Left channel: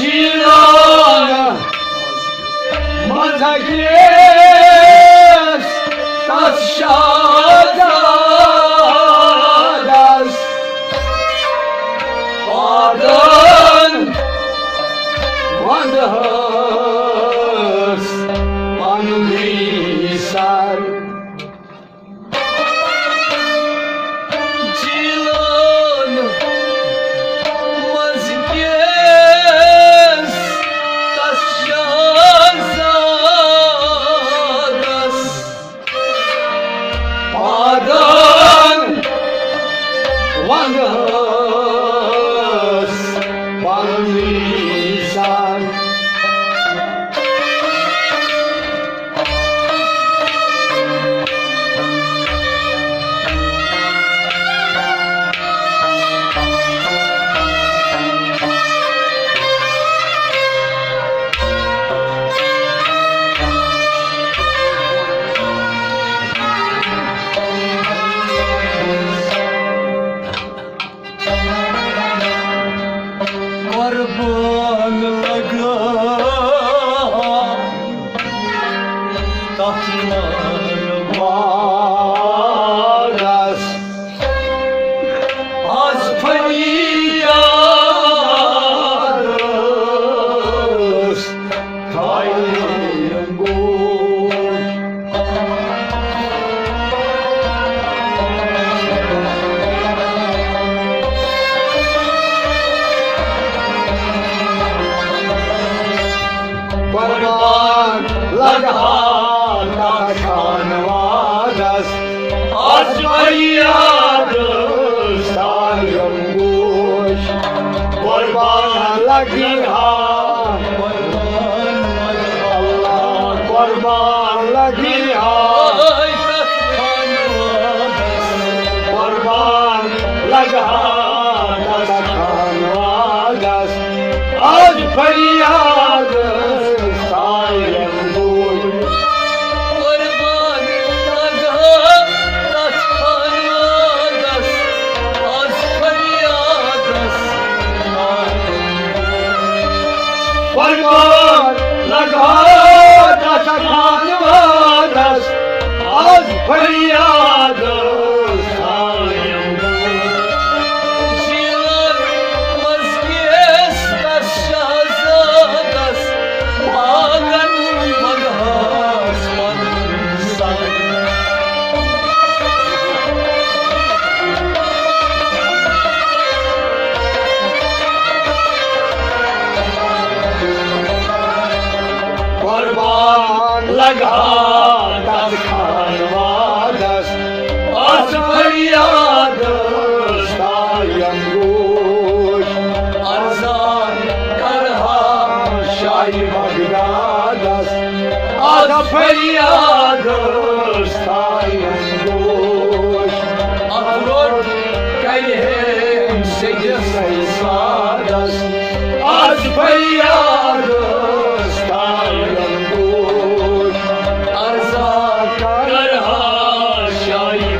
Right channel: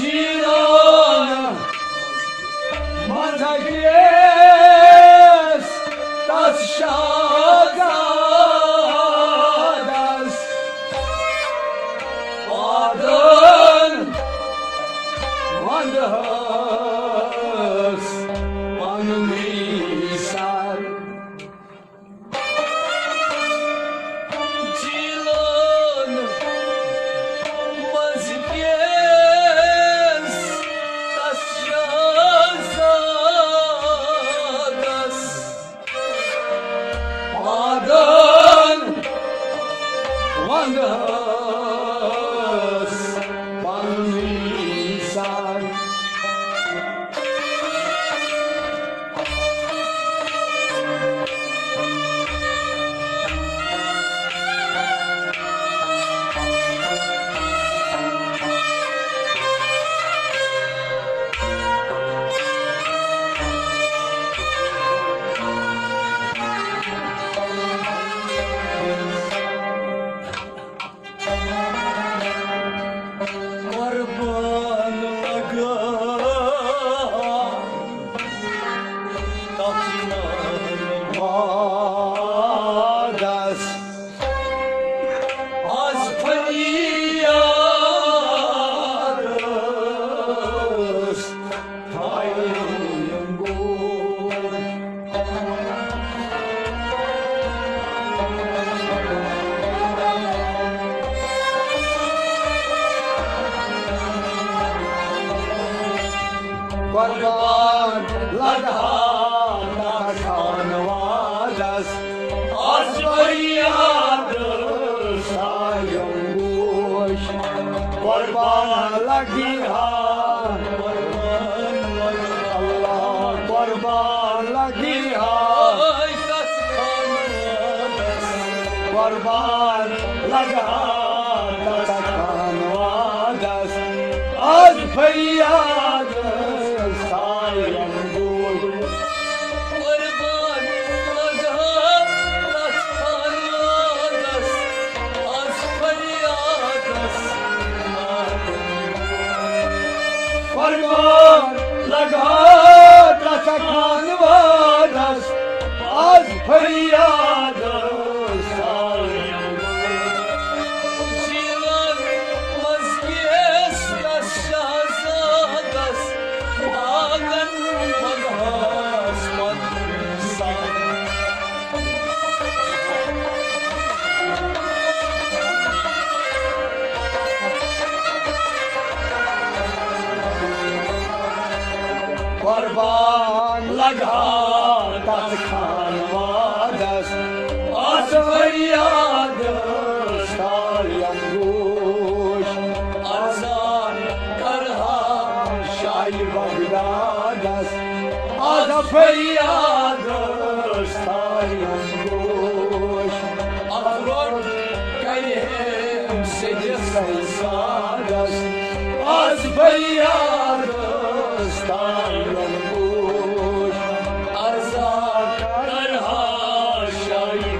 Girona, Mataquie. लगाना खानवादस आज फरियाद सायंगोश कुर्बान लगी हाथ कुर्बान लगी हाथ कुर्बान लगा खानवादस आज फरियाद फरियाद जीवन मज़केस शहज़ादस आगन मदहास मंसान कुर्बान लगा फरियाद सायंगोश अरज़ान करहा शाही मगनादस आज फरियाद सायंगोश अफरोट कहे से सादस आज फरियाद सायंगोश अरज़ान करहा शाही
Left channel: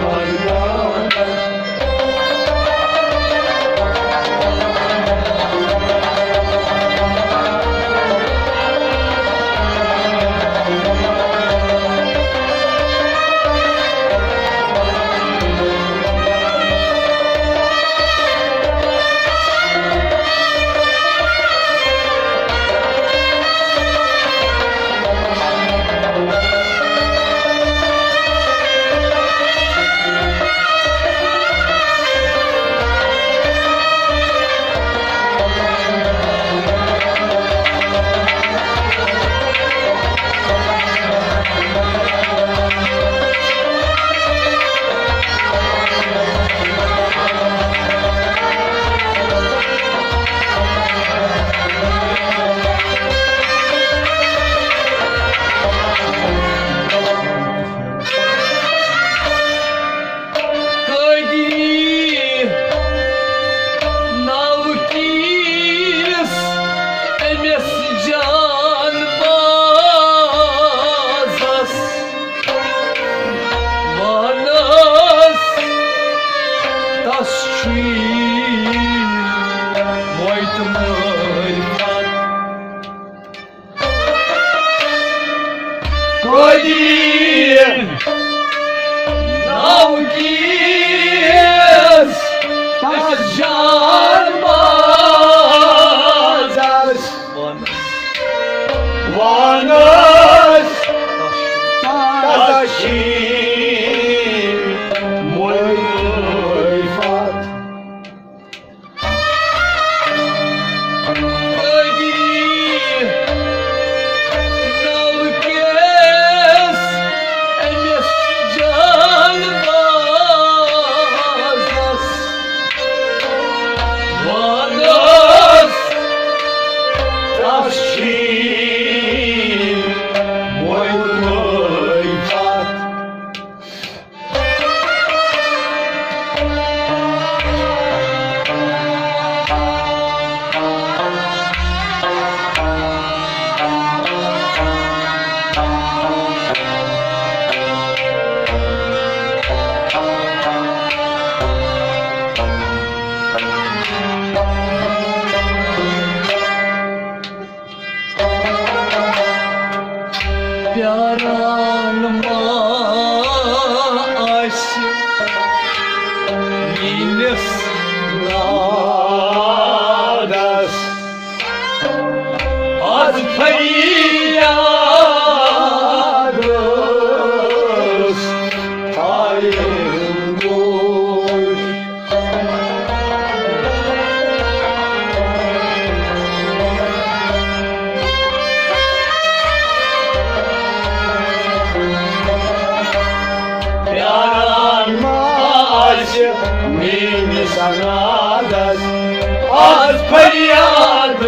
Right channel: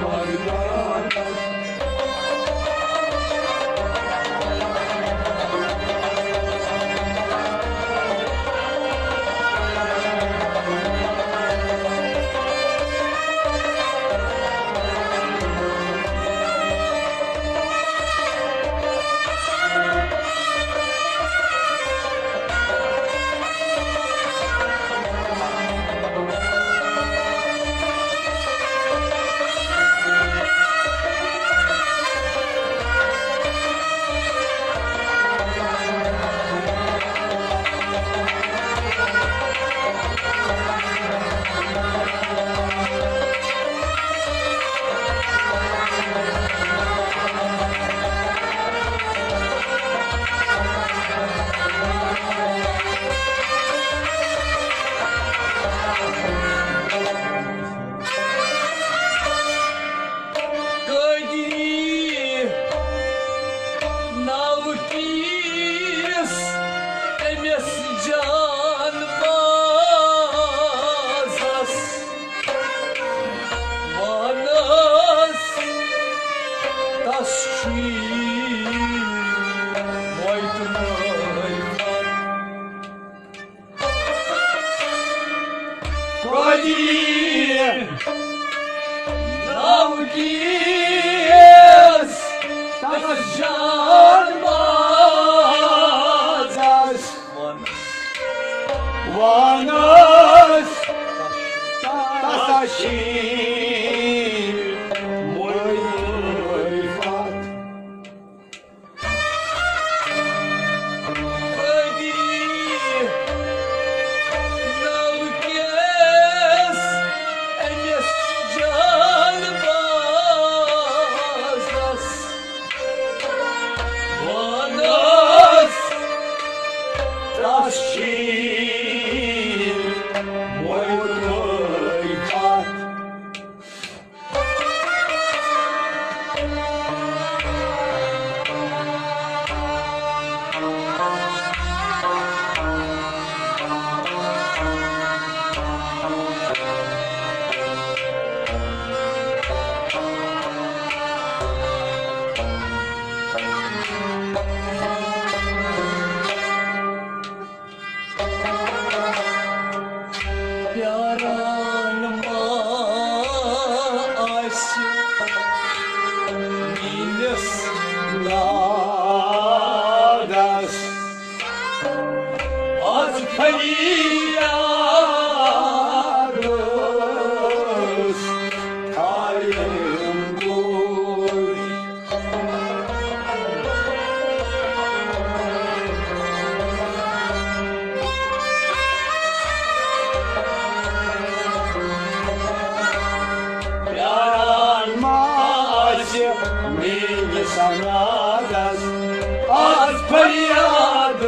फरियाद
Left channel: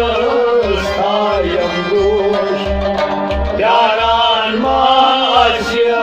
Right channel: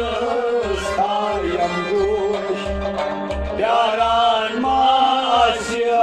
स्थायम गोश प्यारान मास्य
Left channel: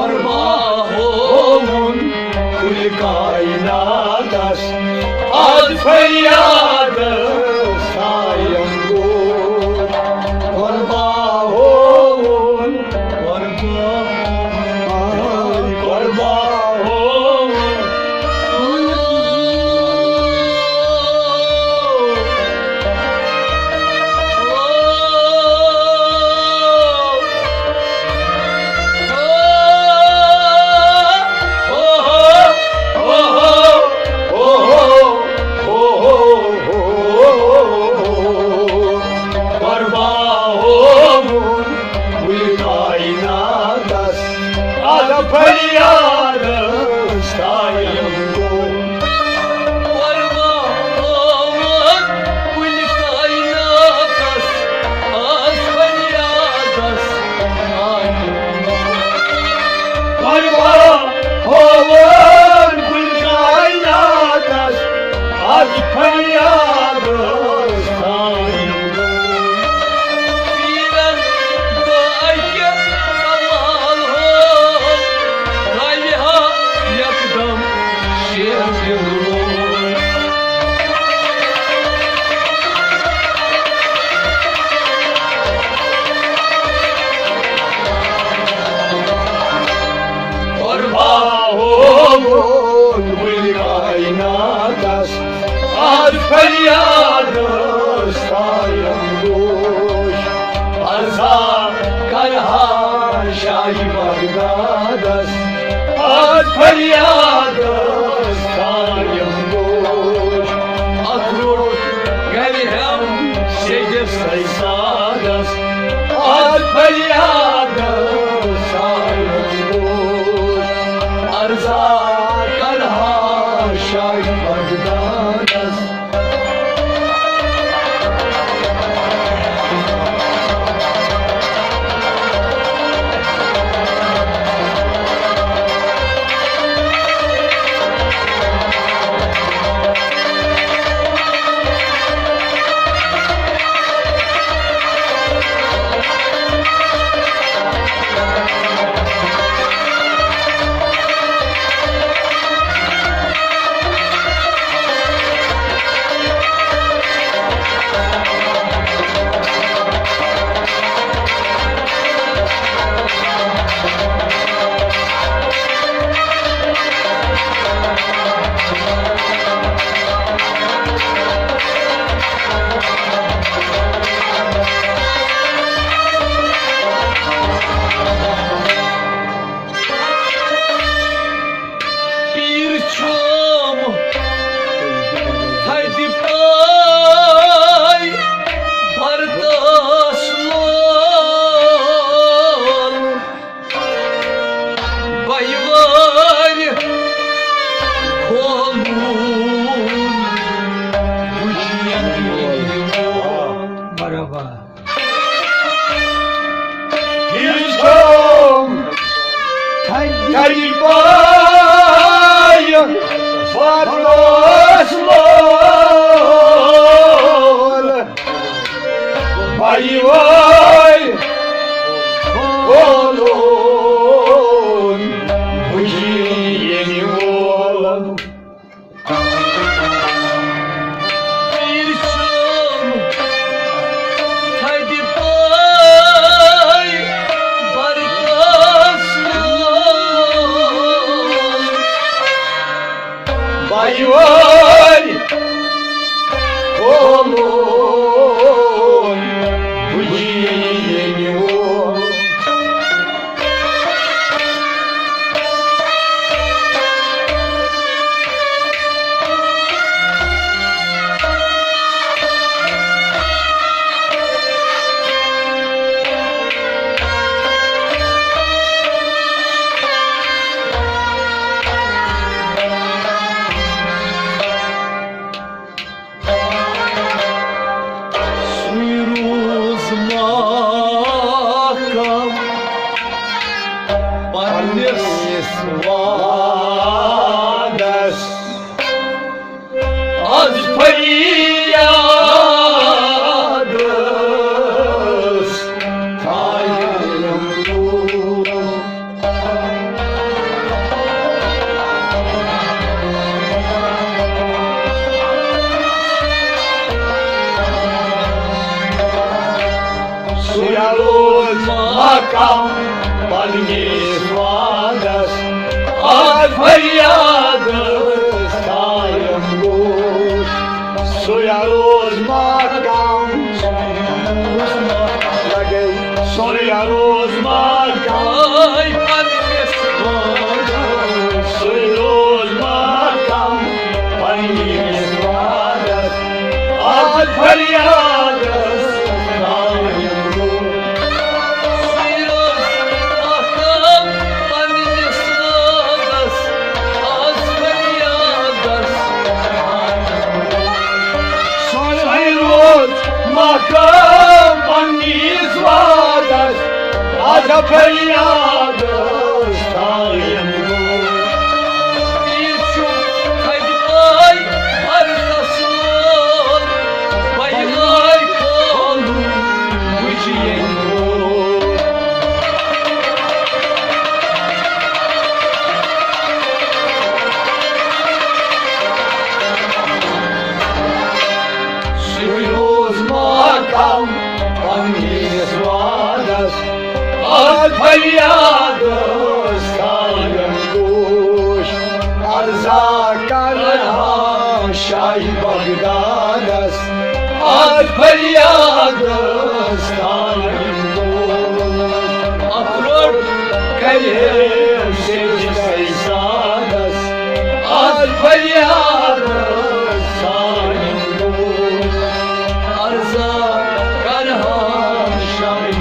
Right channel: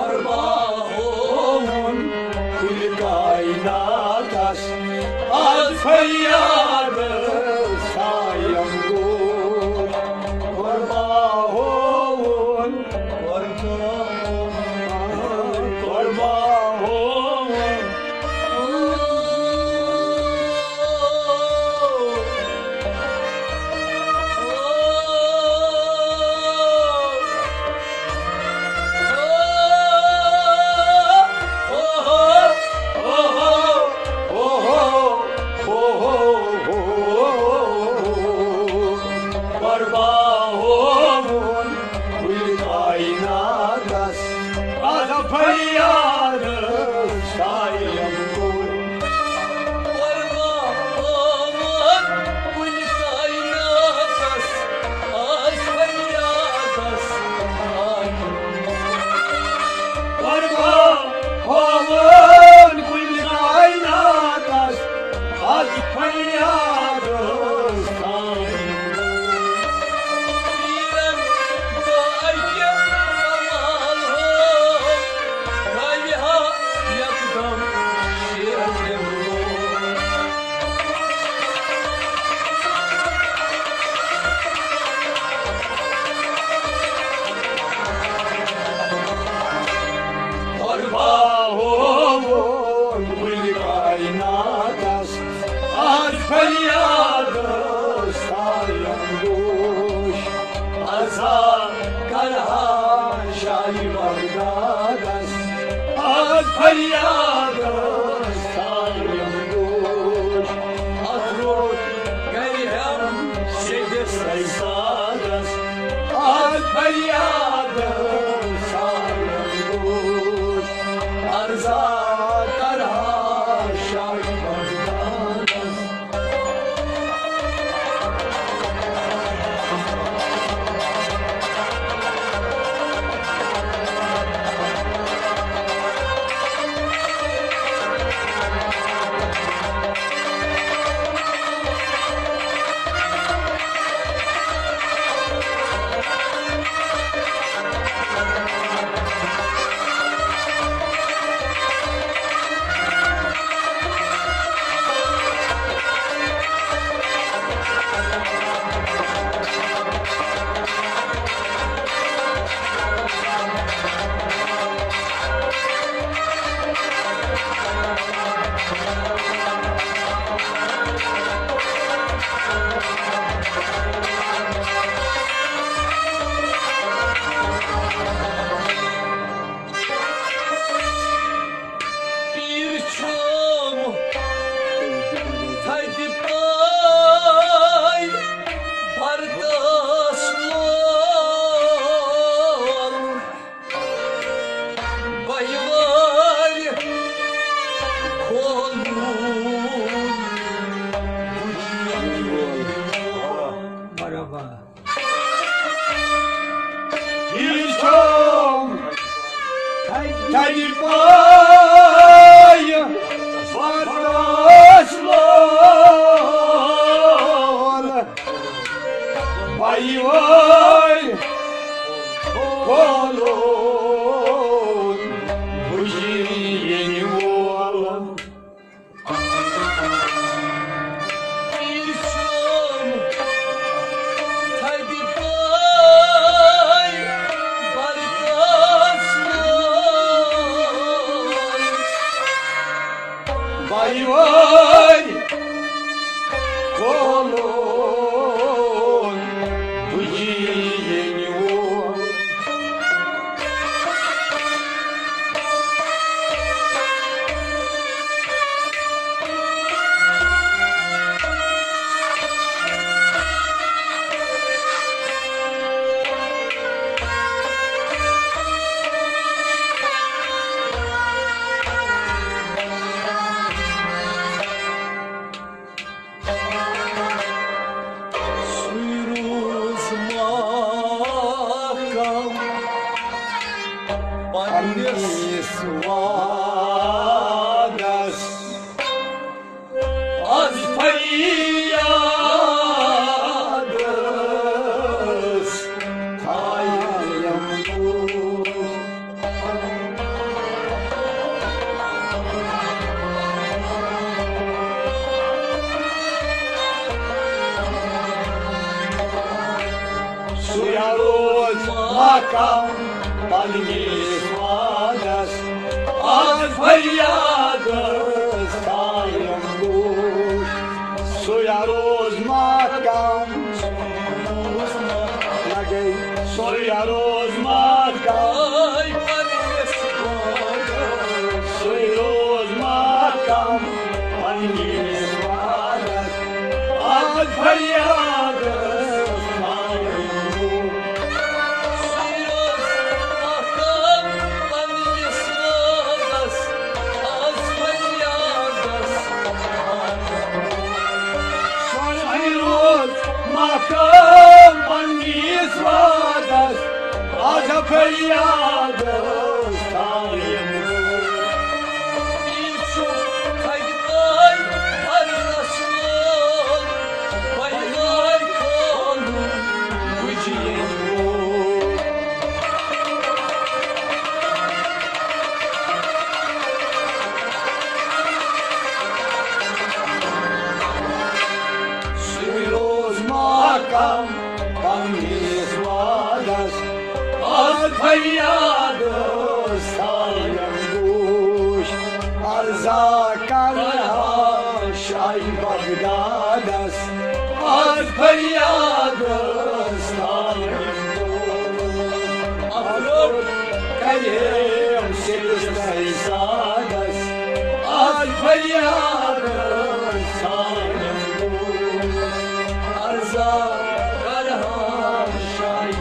Orba oğlum, kul kaynadas az feryadı sayım dur Korbağın feryadı sayım dur Arza karha şahi bagdadas az feryadı sayım dur Akrur galhem şeyde saysadas az feryadı sayım dur Arza karha şahi bagdadas makam Palnis vadas Az faryadas Tayam gush Soyaruz makam Soyaruz makam Ay Palnis vadas Soyaruz makam Palnis vadas Az faryadas Makam Palnis vadas Az faryadas Tayam gush Birçok kaygılar arkasından Bayılay kalır bu ciğer Soyuz makam Palnis vadas Az faryadas Tayam gush Arzakarha Şah Bagdadas Az faryadas Tayam gush Afror Kalem secde sadas Az faryadas Tayam gush arza karhan şahim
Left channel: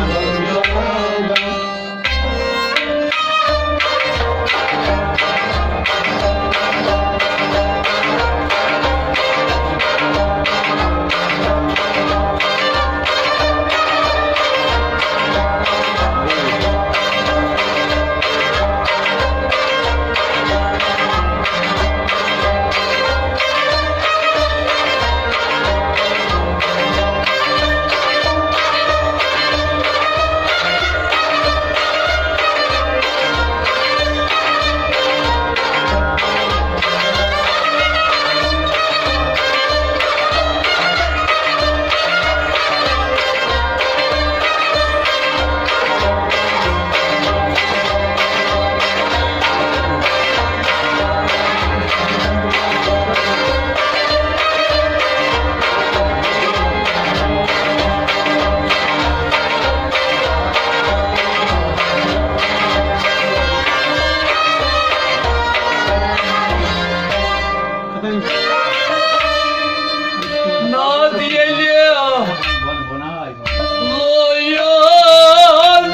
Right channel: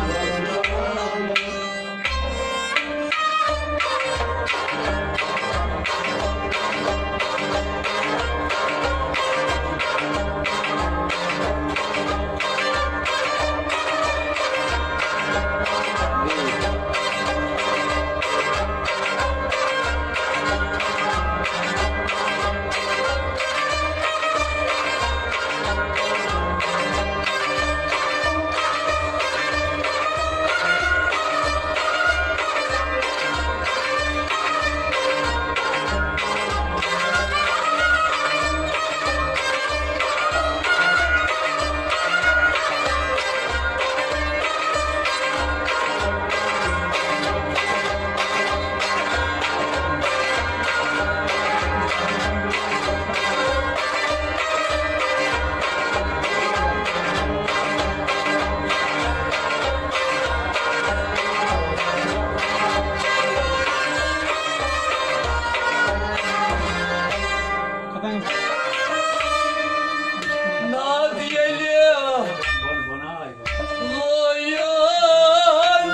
Nadiyeli loyal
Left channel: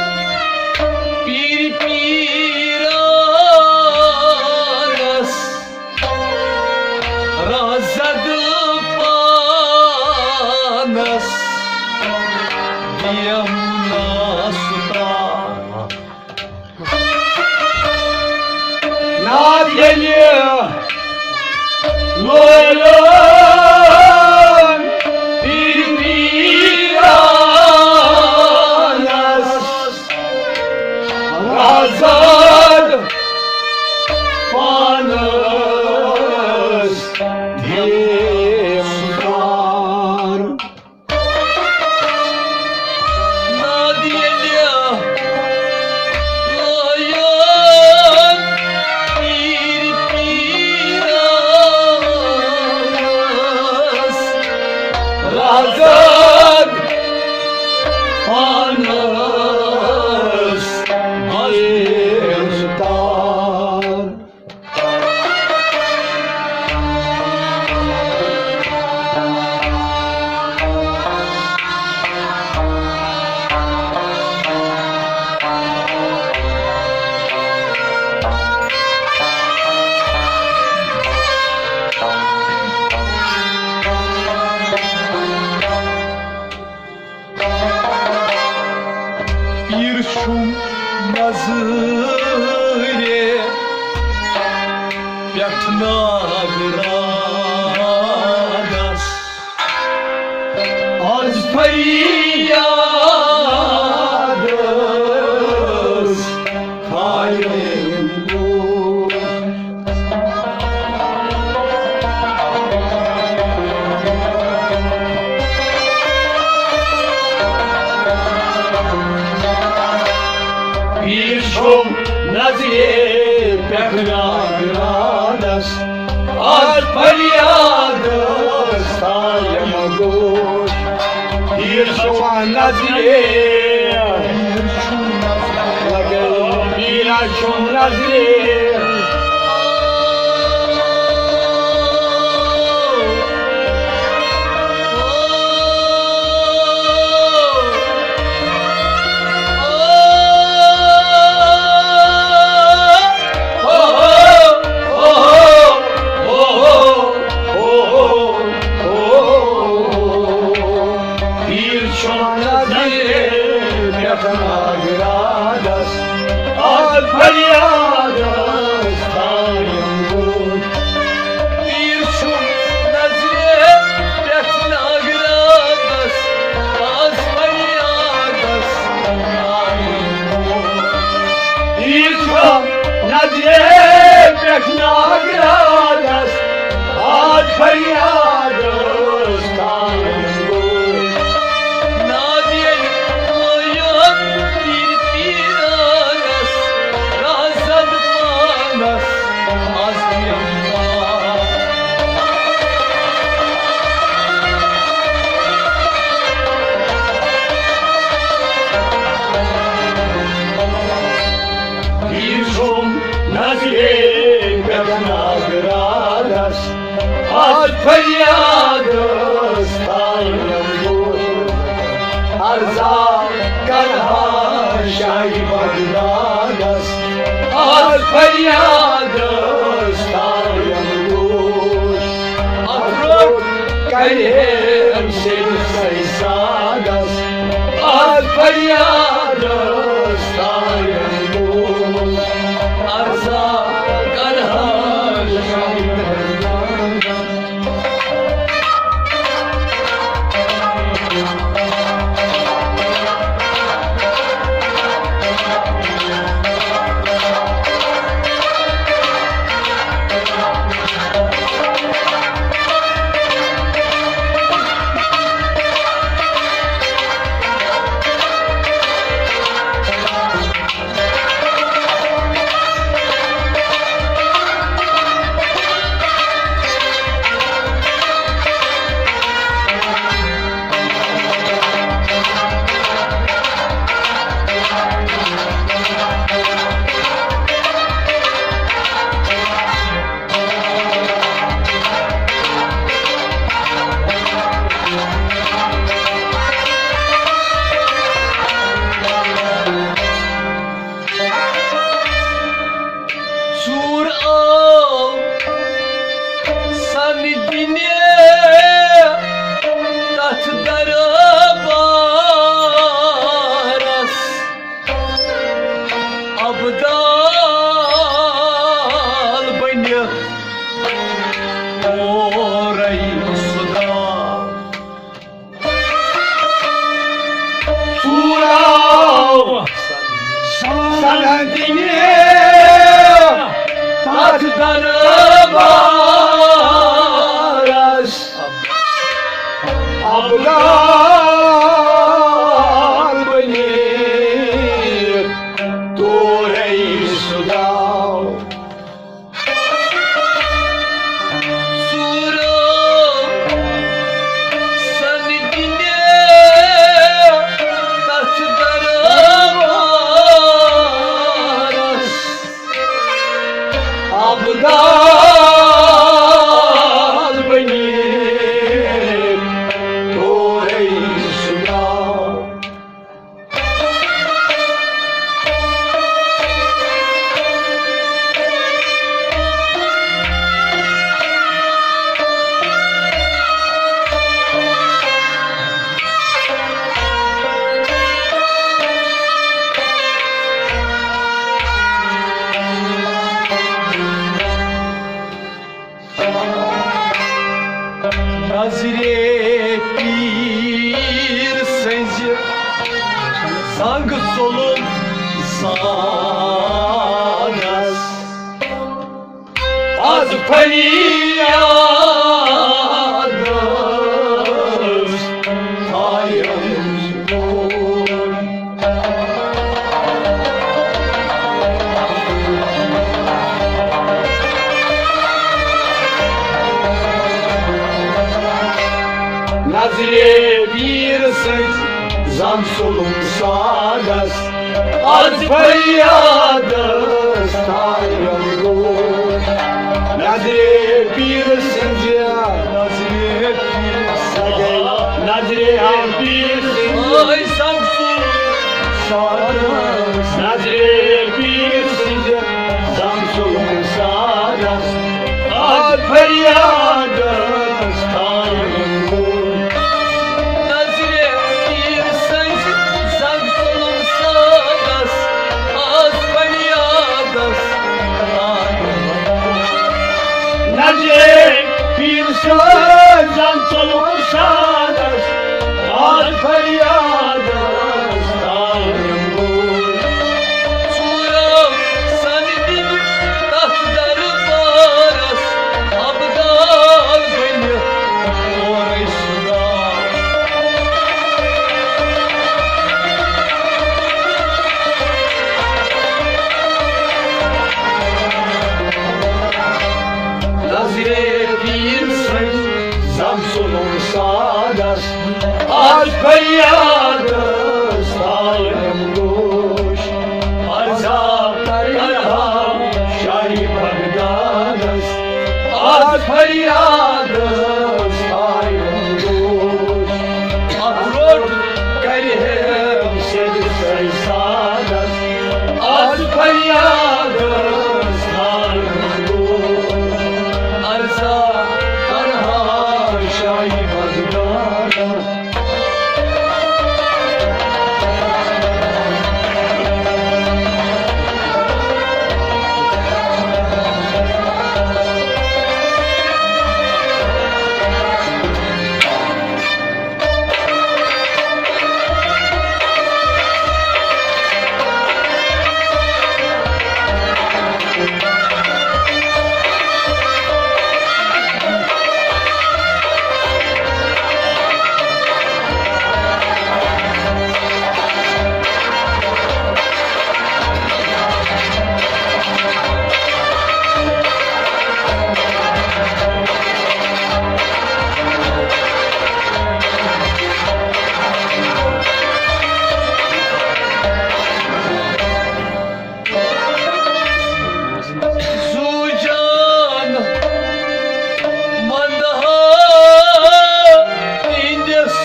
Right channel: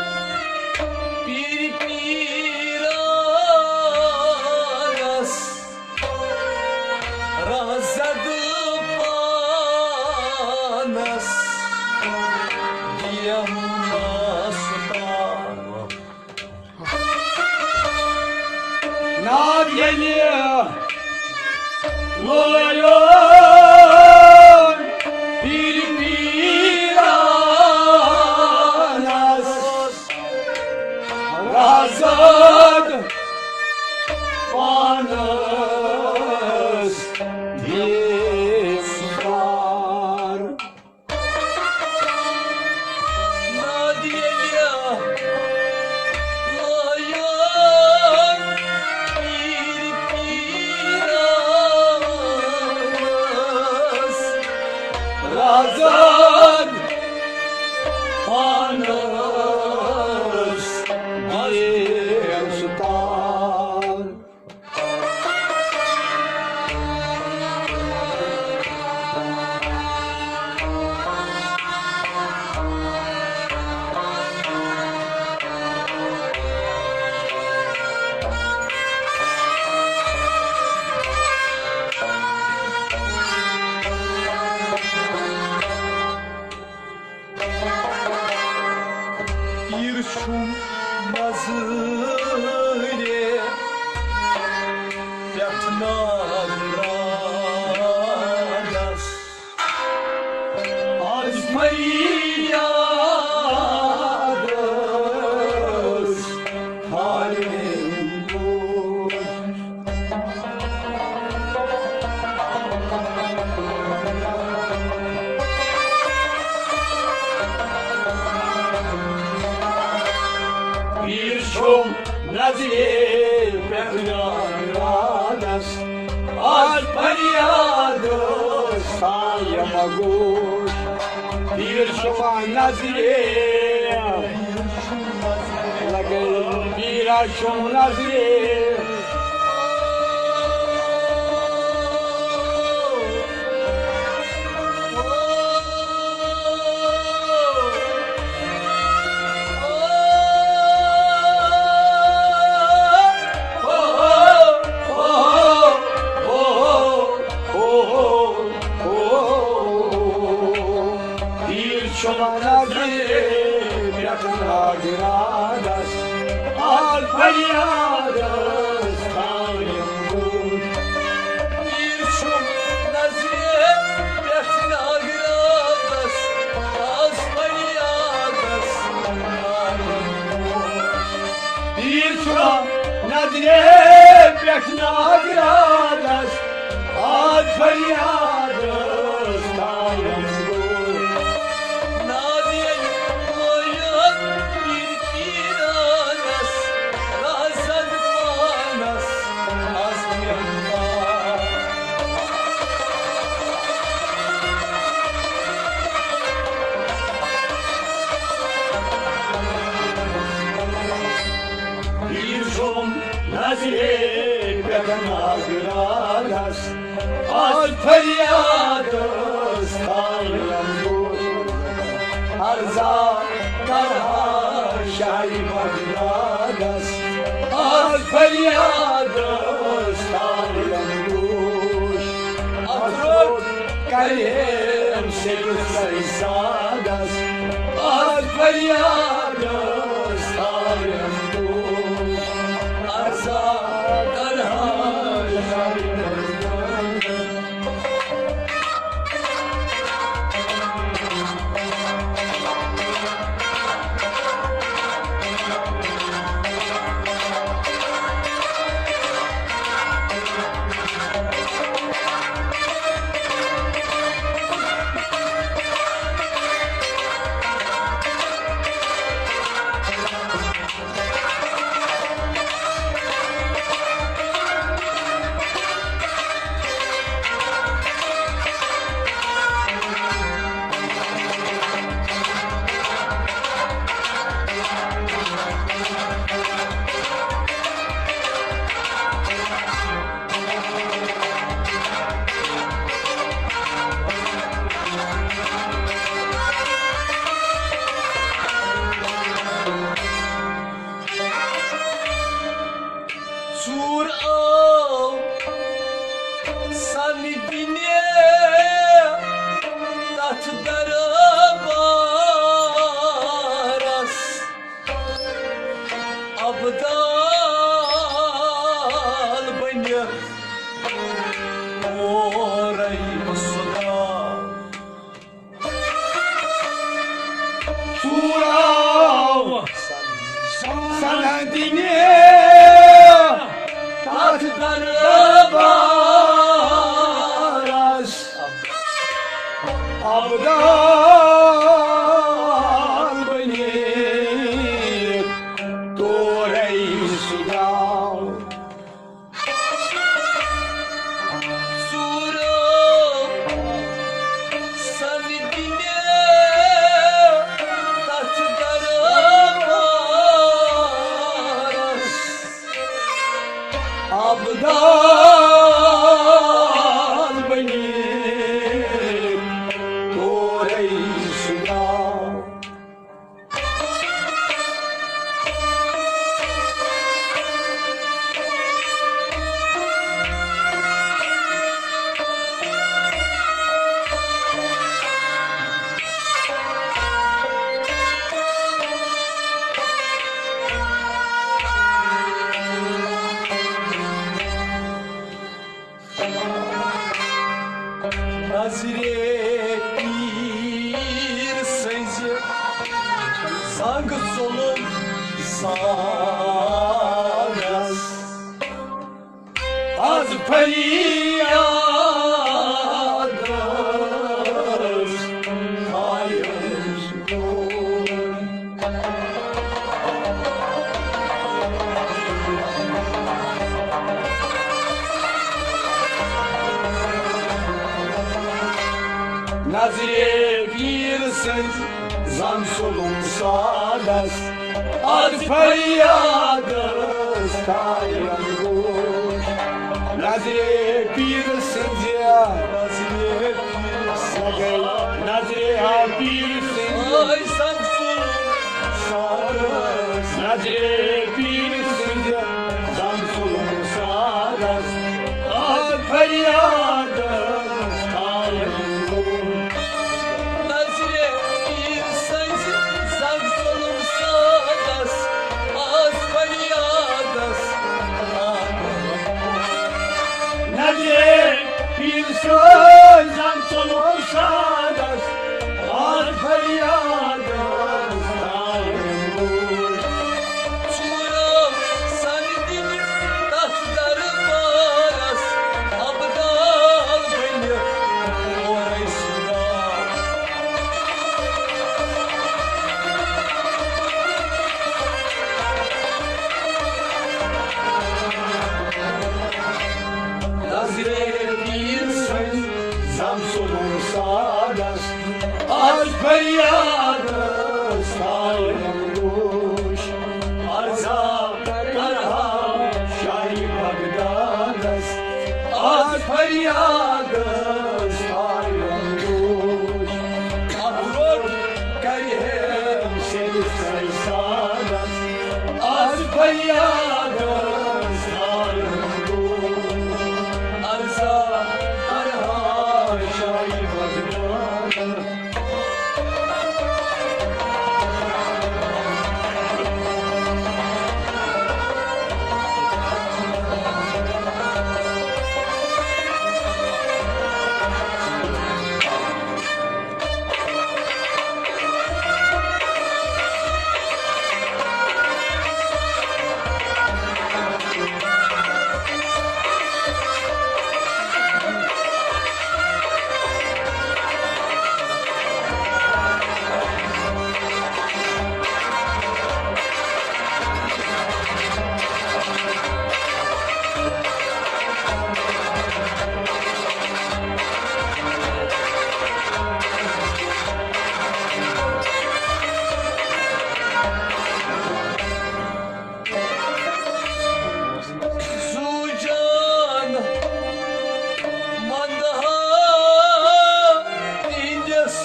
bir piranas Razadı panas Diyamuna sultan Nadiyeli loyal bir piranas Razad panas Dimkar Nadiyeli loyal bir piranas Razad panas Dimkar Bir şum nazire Yakna gradas Az faryadas Tayam gush az feryadı sayım gul Bir şuman nazir Bir şuman nazir Nazire bir senci Sang solum sanas Az feryadır Hayır Nazire bir sınz zan solum sadas Az feryadas tayım gol Nazire bir sınz ya Nazire bir Nazire bir sınz Ay Samsun sadas Nazire bir sınz zan solum sadas Az feryadas tayım gol Nazire bir sensin Zang solum sadas Az feryadas Nazire bir söz can soluk sadas Al feryadas tayım gol Suram sanidin tahtları paras Abdal beni orayı suram Nazire bir söz zam soluk sadas Al feryadas tayım gol Arza tarham şahi bagdadas Az feryadas tayım gol Ahrod karihem seni saysadas Az feryadas tayım gol Arza Tarham şahi bagdadas Sucan mandaha indes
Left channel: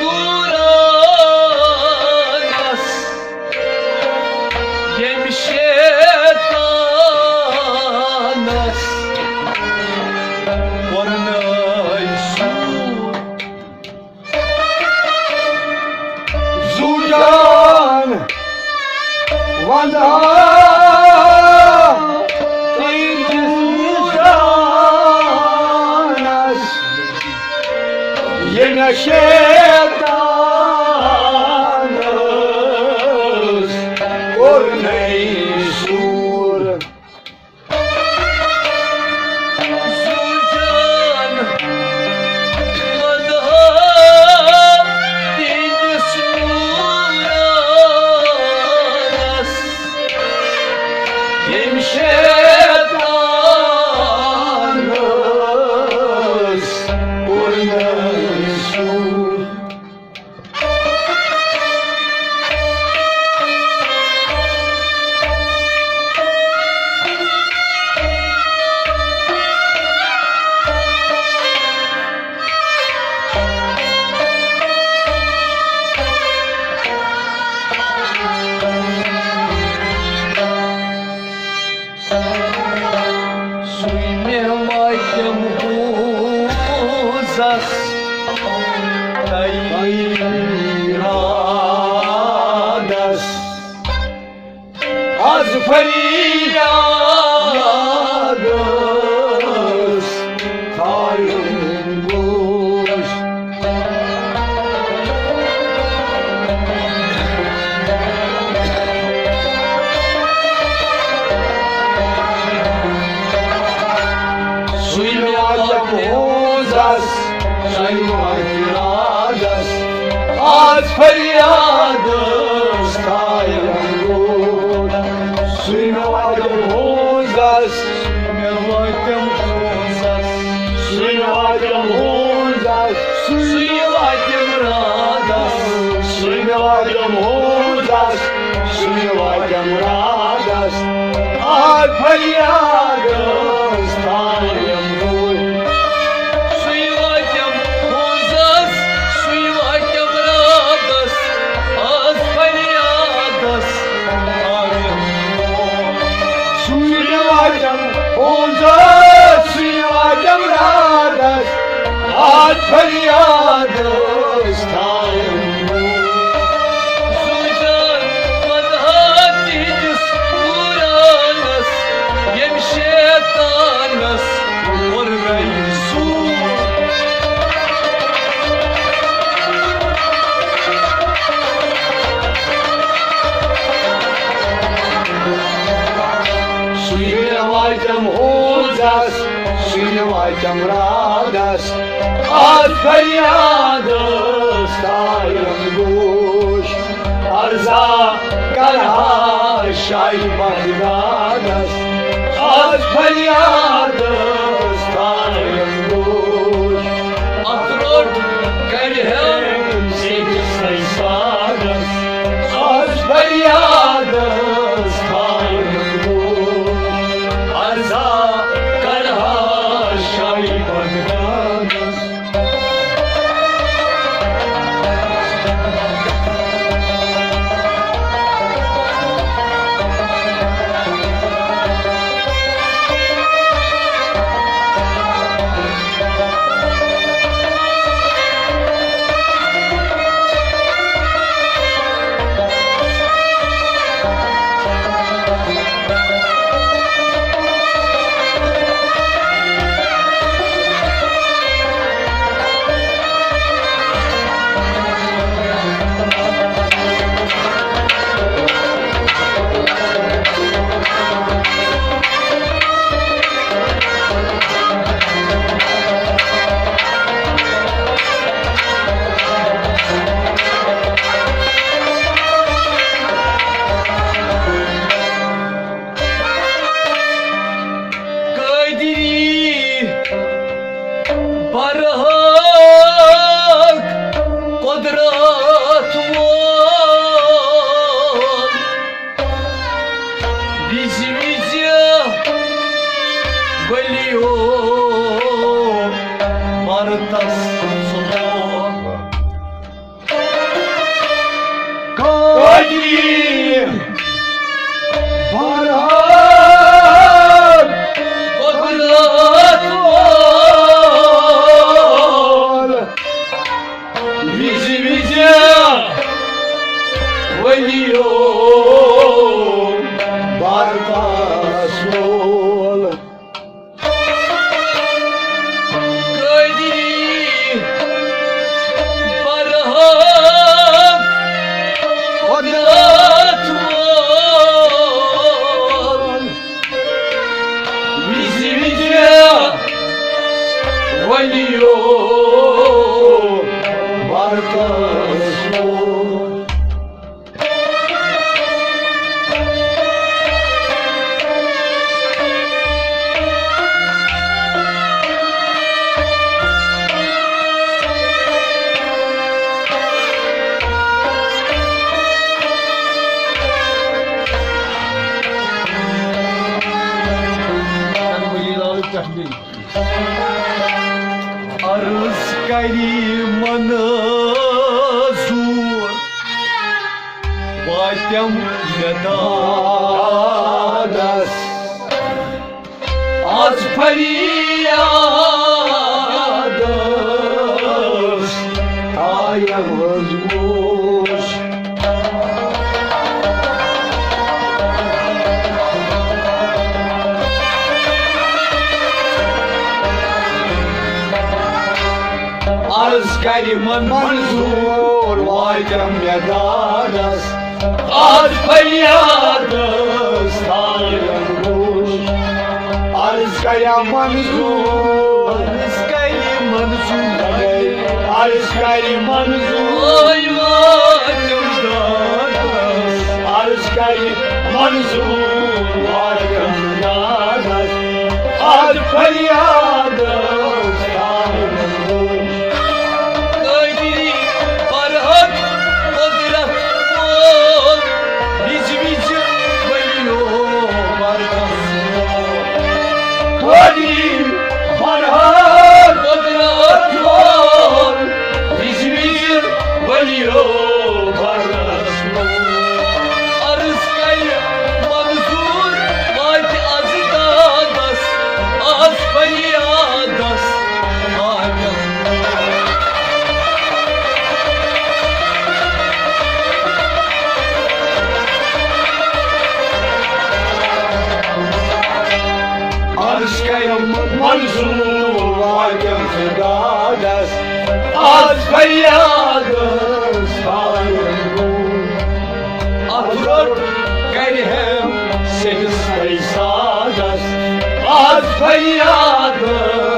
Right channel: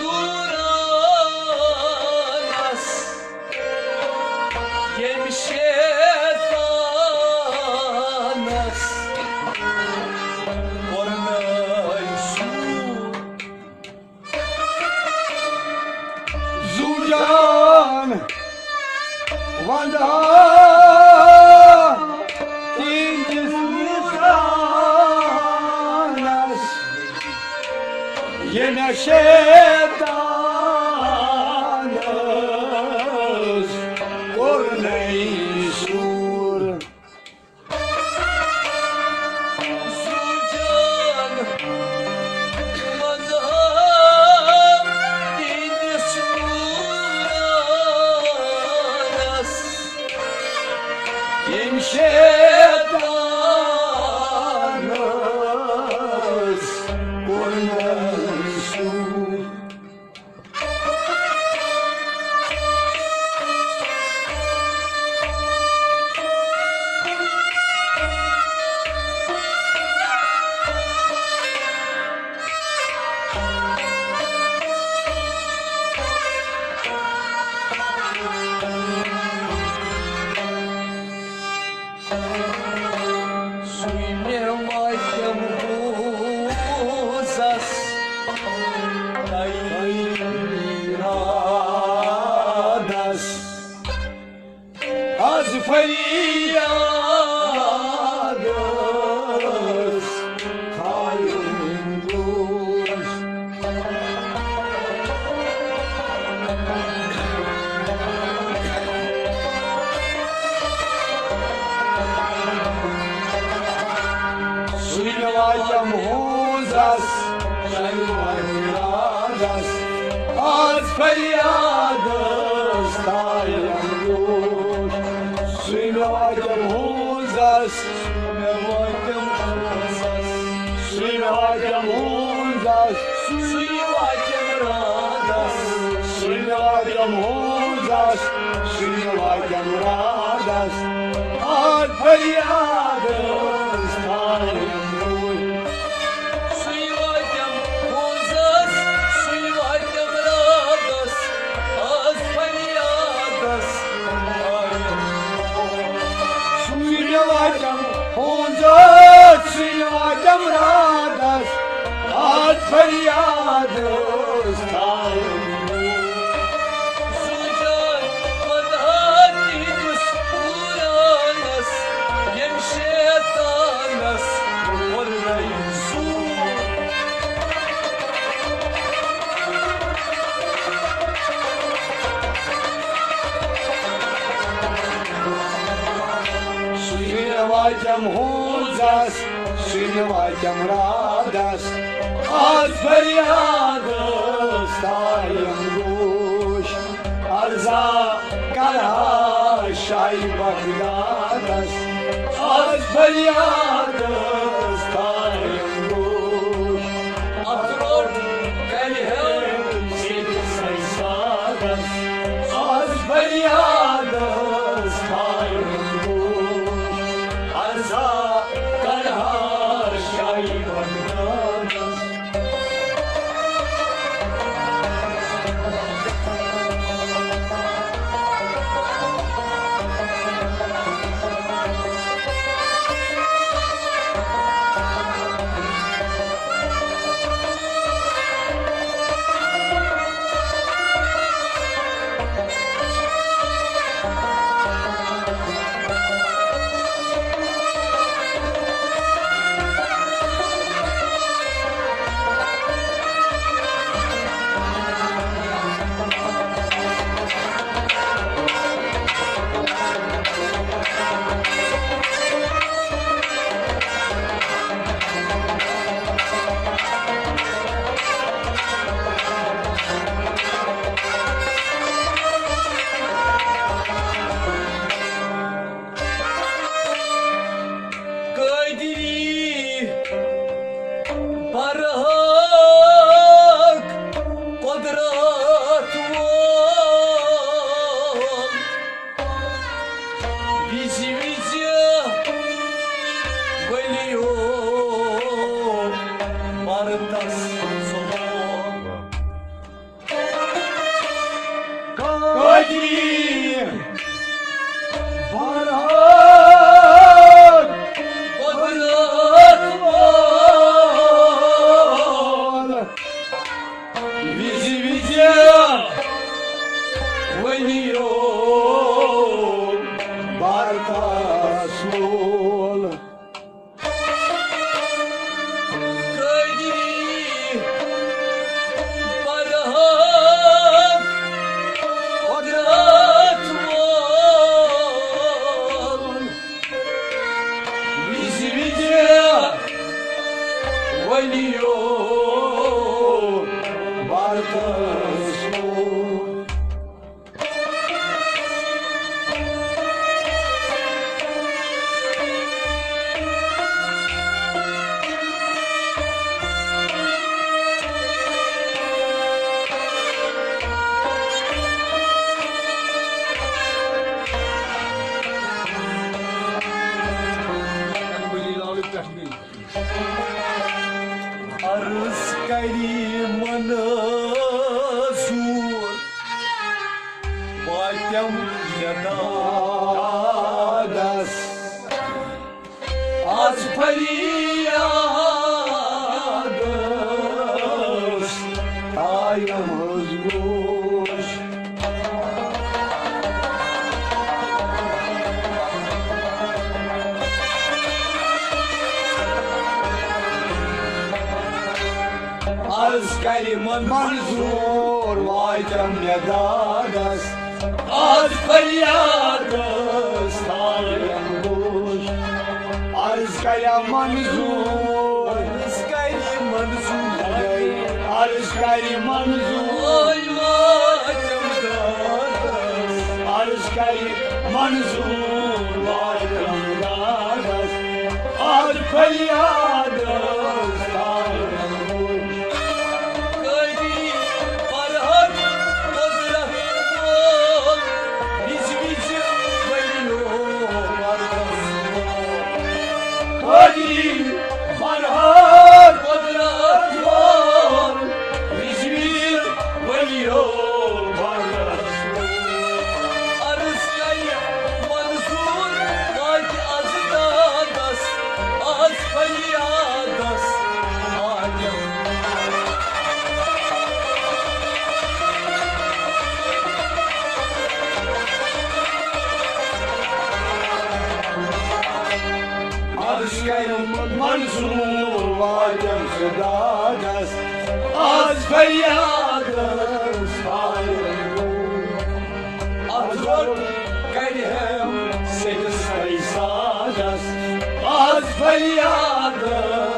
nuranas Yemşetanas Varnay sur Zucan Vanda Tinduranas Yine şeytanız Örneği sur Sucan mandaha indes nuranas Şeytanız Örneği sur Suime maitem huzas Radas Az feryadas Tayım boş Suilvatam uzas Şayvayradas Az feryadas Tayım boş Suilvatam uzas Mervaytem huzas Suilvatam uzas Suime Švinovaitėm radas, atfariadas, tajam guš, ar zakarā šaimam radas, atfariadas, tajam guš, atrod kalhem sėdis laisvadas, atfariadas, tajam guš, ar zakarā šaimam radas. Kaydiri Barak Kodrat var Bizimize Geliyor Martas Sultan Kadri Barak Kodrat var Bizimize Geliyor Bartasol Kaydiri Barak Kodrat var Bizimize Geliyor Bartasol Arız Manazur Батям Radas Az feriyadas Ayağımız boş Askeri Manzur Vaydem Yadadas Az feriyadas Ayağım boş Arzkaya Manzur Askeri Manzur Arzkaya Manzur Ay Vatem dadas Arzkaya Manzur Vaydem Yadadas Alfaryadas Ayağım boş Kaydiri Barak Kodrat var Bizimize Geliyor Martas Kadri Farhan Kodrat var Bizimize Geliyor Martas Arıskayı Manzur Vati Azidadas Az Feriyadas Adem Arzkaya Manzur Vaydem Yadadas Alfaryadas Ayağım boş Atror Kalhem Sekiz paysadas Az feryadas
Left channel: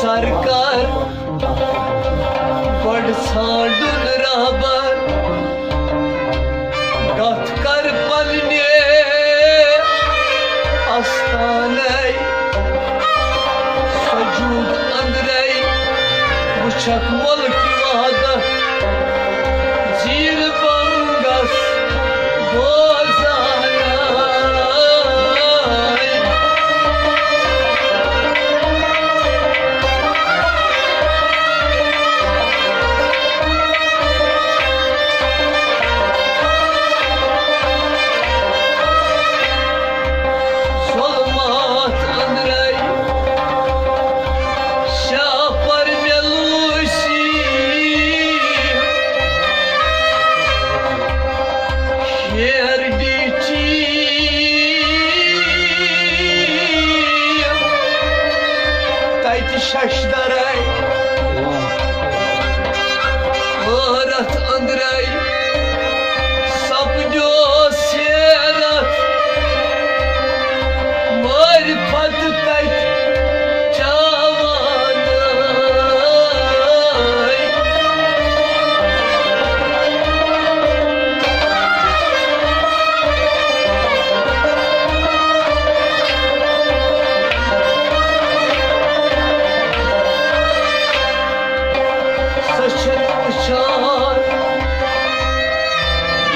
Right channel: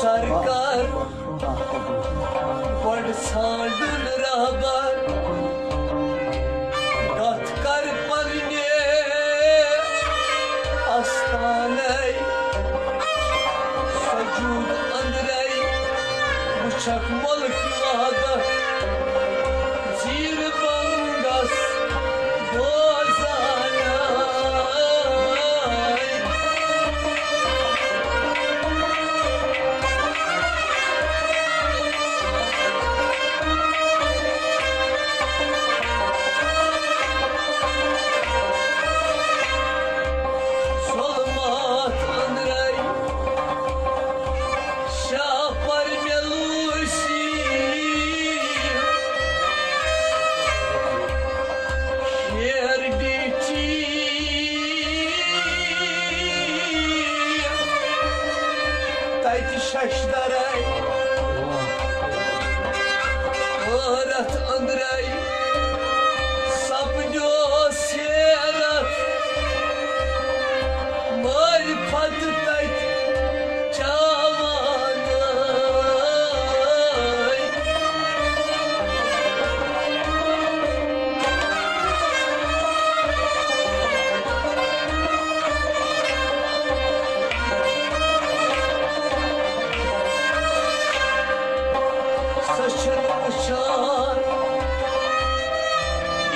सरकार बड़ छाड़ुन रहबर कथ कर पलने अस्तानै सजूद अंदरै वुछक मुल्क वहदत जीर बंगस बोजानै şaşdaray Öğret andray Sapnyo serat Marifat tayt Cavanay Saçın uçar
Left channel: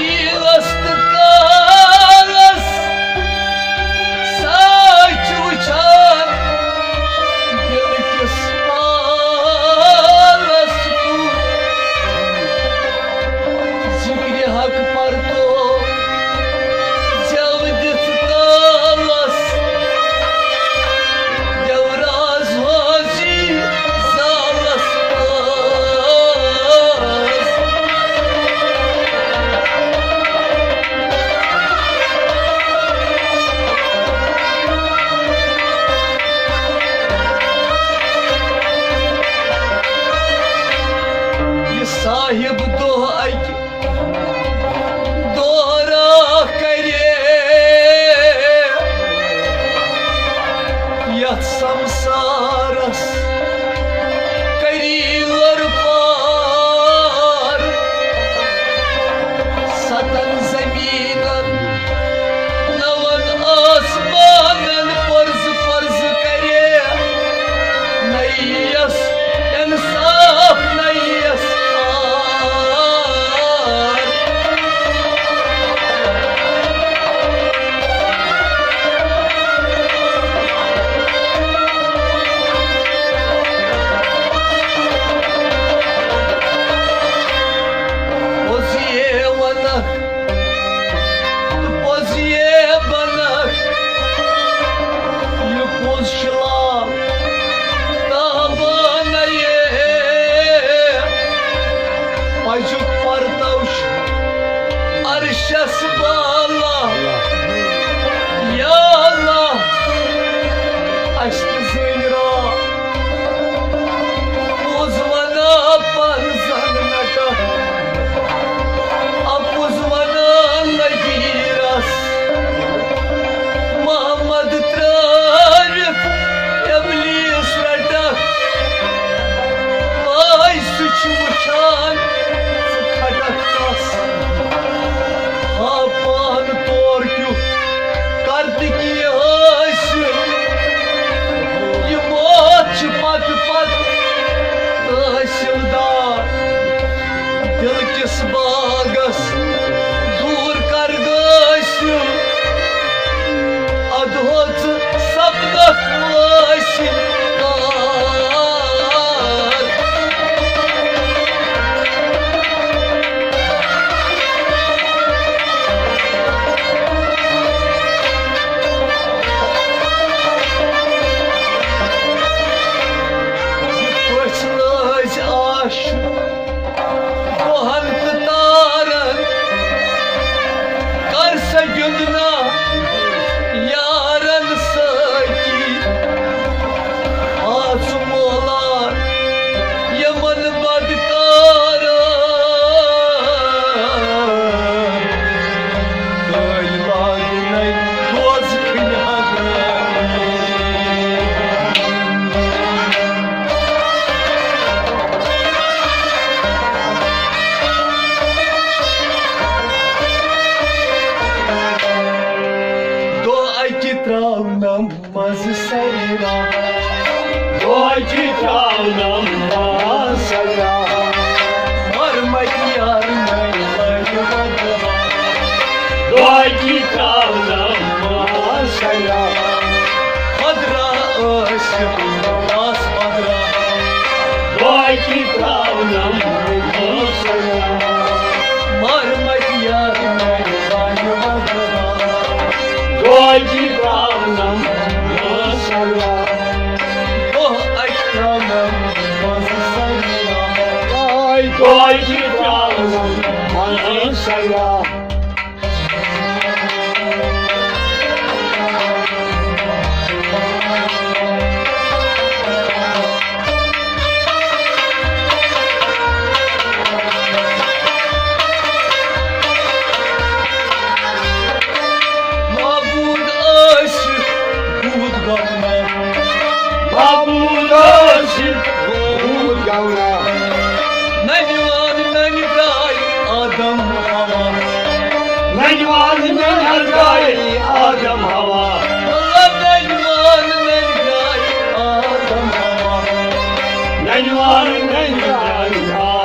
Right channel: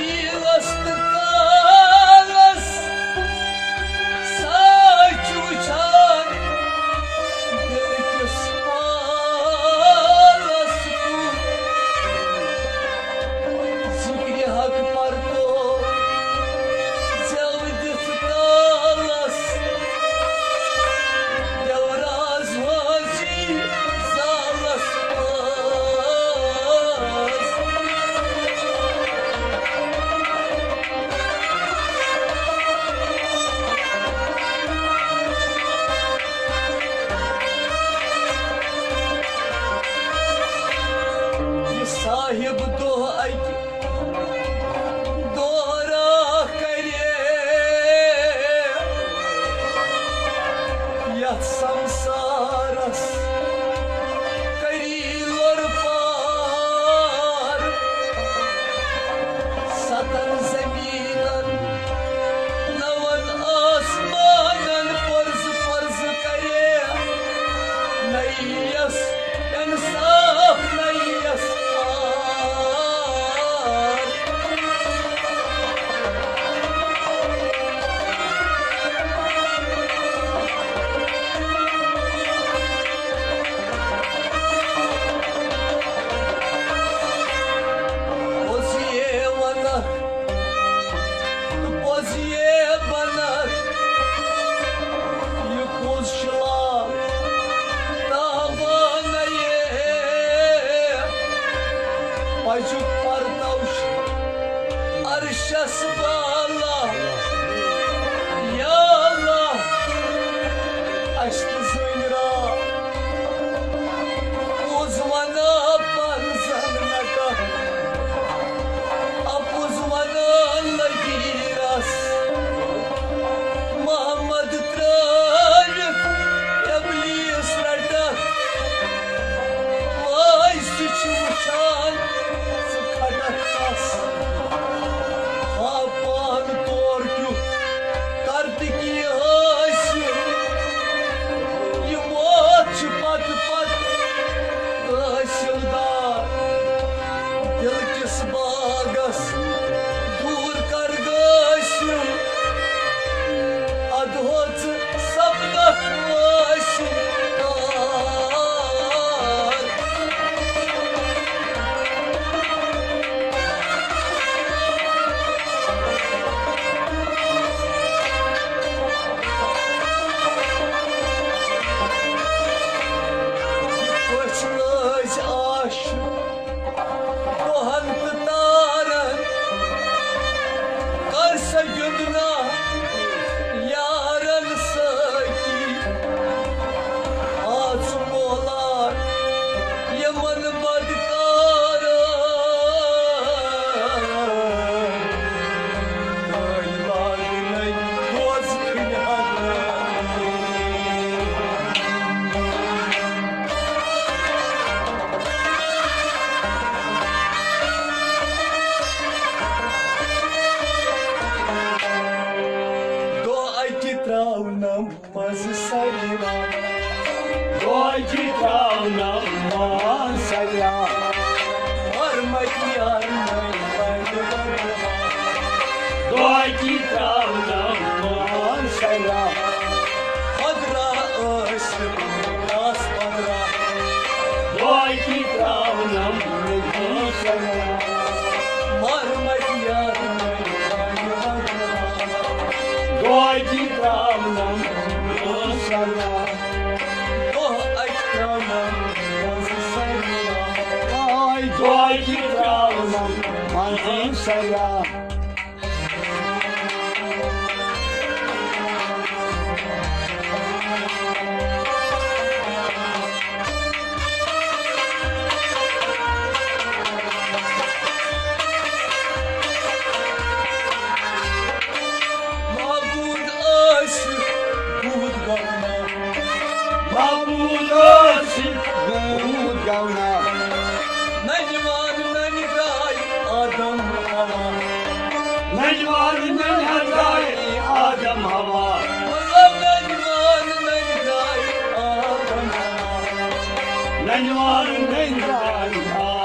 Yılastık karas Saç uçar Gölgüs alas kur Zikri hak parto Cevdis talas Devraz vazi zalas Sahip do'ay Doğra kare Yatsam saras Karilar par Satan zeminan Navan asmanan Farz farz kare Nayyas insaf nayyas Acık partavş Arşas bağla Ya Allah Aşkı zeyra Uzmana panzanaka Apuzmana lagiras Muhammed Trarif Eblis radak Vay suç uçan Sıkadaktas Hapan torkyu Kartiki haşım sayra Doyki tavnam masaya Marmat yar naylar vadha Doyki tavnam masaya Padra aşık das padra Doyki tavnam masaya Marmat yar naylar vadha Doyki tavnam masaya Oh akramam bazı sayra Doyki tavnam masaya Mabud aşık bud gapna Babulaşık Gavna Menvan menday adam hava Mecvan menherdai Adem hava Allah menvan menday adam hava Mecvan menherdai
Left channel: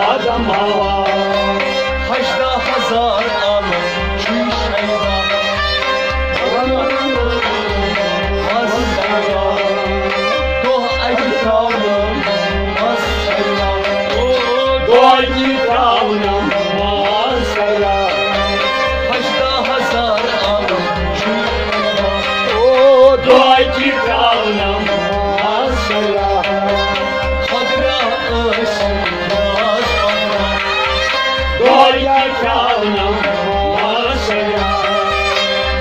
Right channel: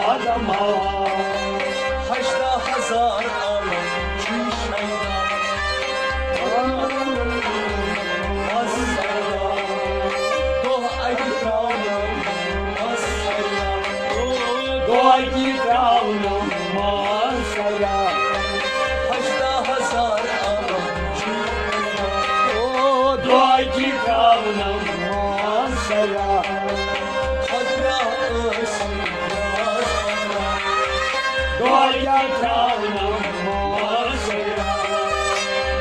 Adem hava Haçta hazar al çüy şeyda Az sayra Doh ayki kavlam az sayra Doyki tavnam masaya Haçta hazar al çüy şeyda Doyki tavnam masaya Kadra ışık yaz kadra Doyki tavnam masaya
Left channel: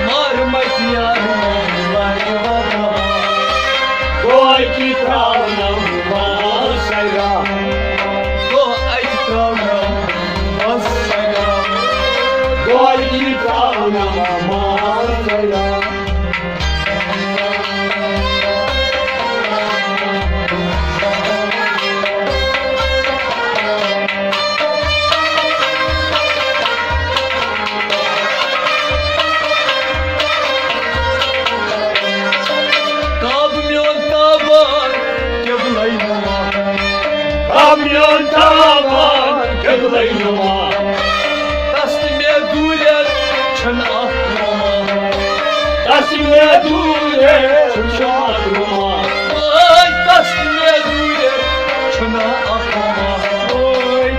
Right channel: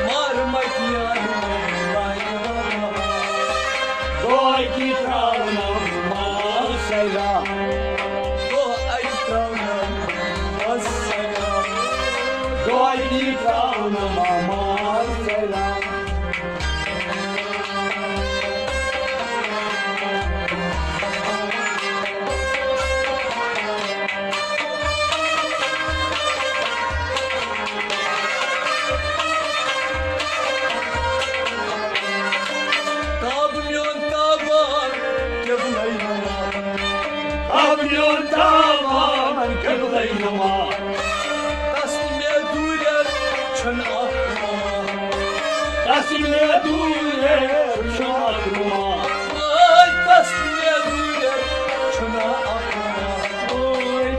Marmat yarım var vada Doyki tavnam masaya Do aytramam az sayra Doyki tavnam masaya Kamyon taban kevlaynama Kamyon tavan kıbleynuma Tasdime durer çan ahlama Tasmiye dure şarkıma Ay tasdime durer çan ahlama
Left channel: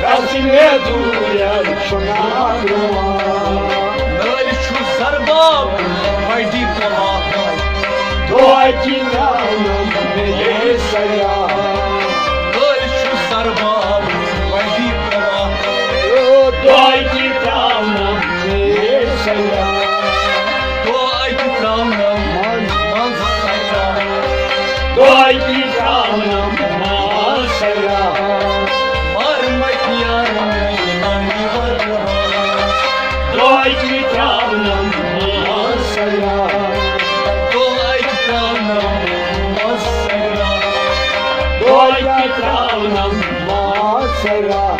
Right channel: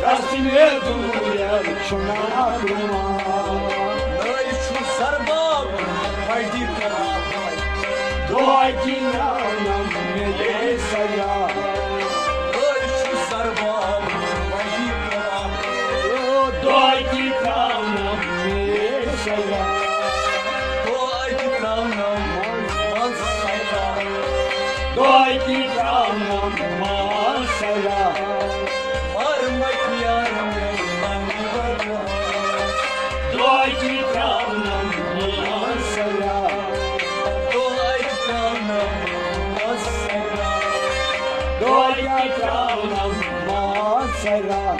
Tasmiye dure şarkıma Nal şu zarbab faydi kama Doyki tavnam masaya Nal şu zarbab faydi kama Doyki tavnam masaya Do aytramam az sayra Doyki tavnam masaya Marmat yarım hani vada Doyki tavnam masaya Do aytramam az sayra Doyki tavnam masaya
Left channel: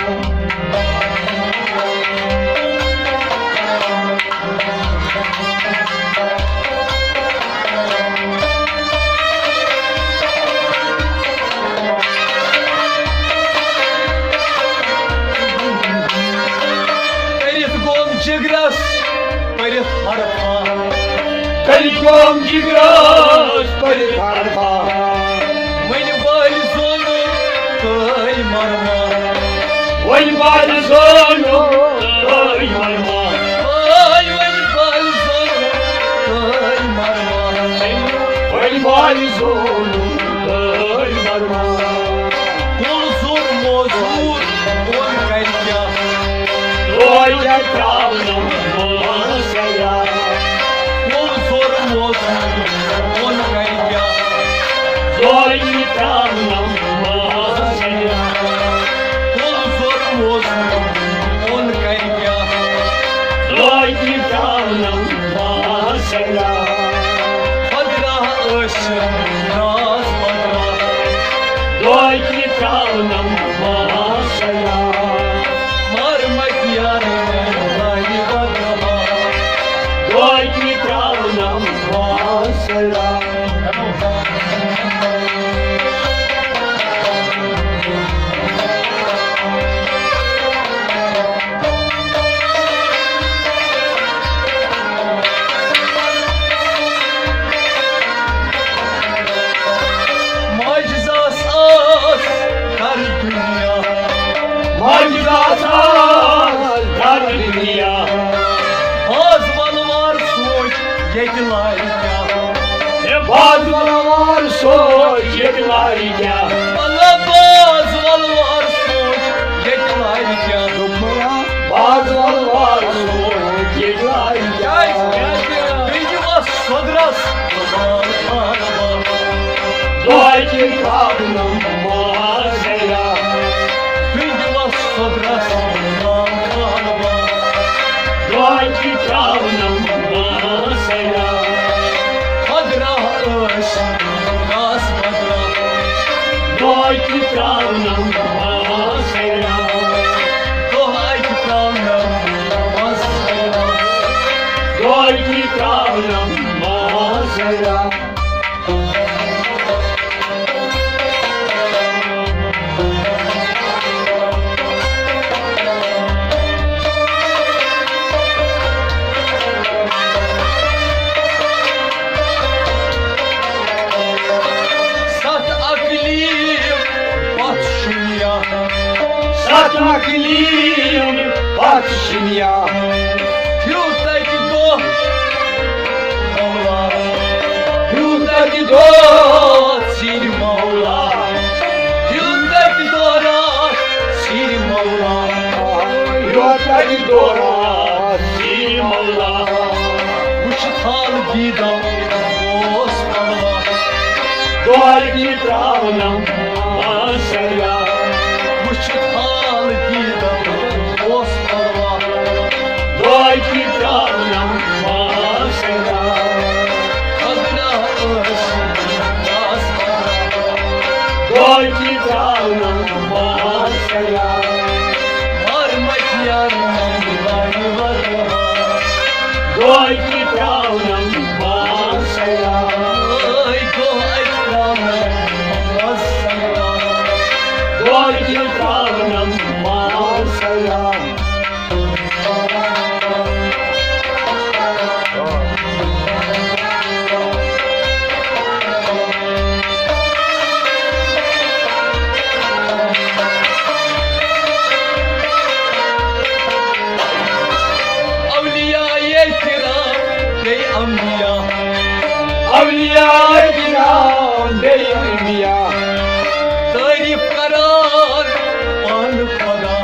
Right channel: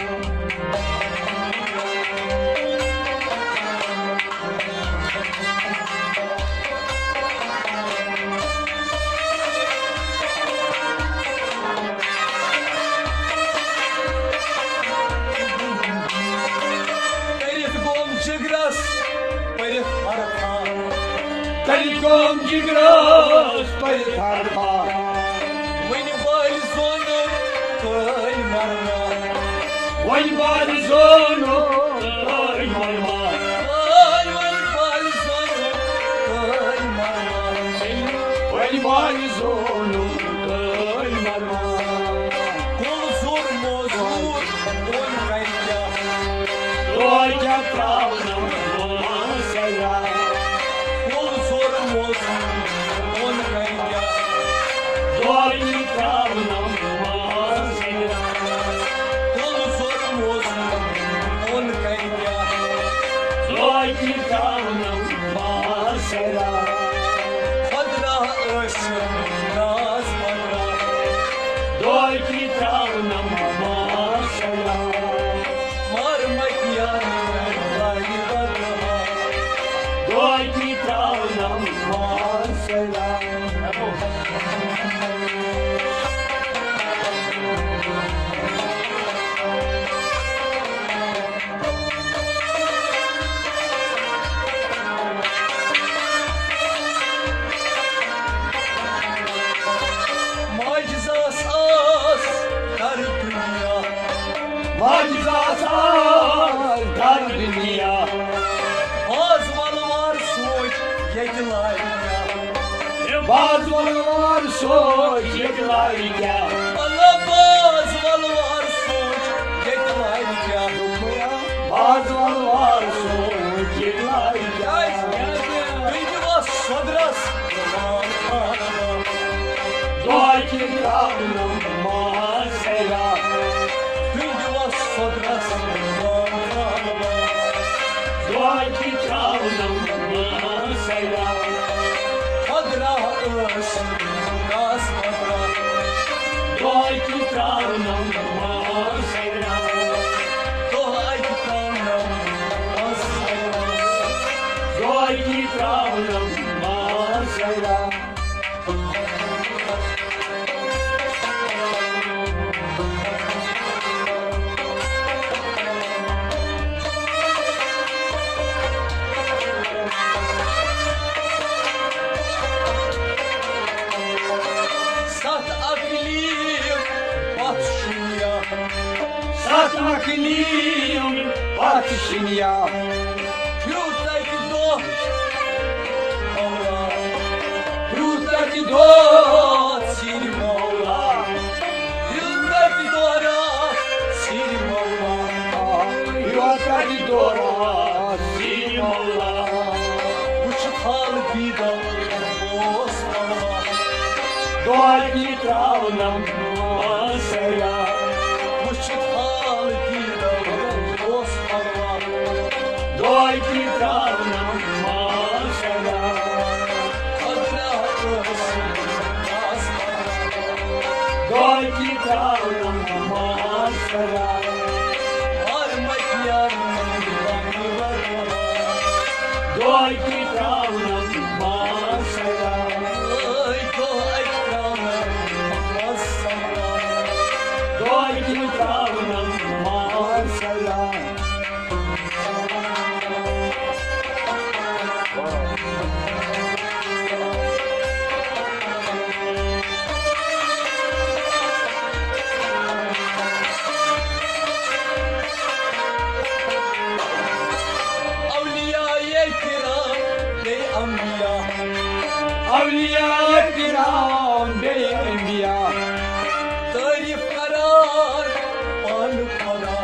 Перед гом джиграс перед харпа Kalikom gigras parikarha Мыни бальзону кай марма Vay balzono Ay marma Ай мыни бальзону кай марма Vay balzono Ay marma Кол зор мозур он кайка Doyki tavnam masaya Кол зор мозур он кайка Doyki tavnam masaya Кол зор мозур он кайка Doyki tavnam masaya Padra ışık yetilayken Bazılar soç yedilerken Bana bazılar soç yetilayken Bazılar soç yedilerken Peki vas sodras Doyki kavnum muhasera Peki vas sodras Doyki kavnum muhasera Kadra ış Kas kadra Doyki kavnum muhasera Dohay kitabım Masaya Doyki kavnum muhasera Sat aklim Batşıya Satmakliyim batışım ya Yurttaki do Allah Yurdaki do Sil Mevla Yurttaki dora Sil Mevla Yurdaki dora Silim Allah Uçtal gida Osmanlı Doyki kavnum muhasera Uçtal gida Osmanlı Doyki kavnum muhasera Kadra ış Kasmara Doyki kavnum muhasera Varmak yarın var Doyki kavnum muhasera Ay go ekranım Masaya Doyki kavnum muhasera Avliya-i kiram Ey ambiya Avliya kiram beymiya Tarif karar An para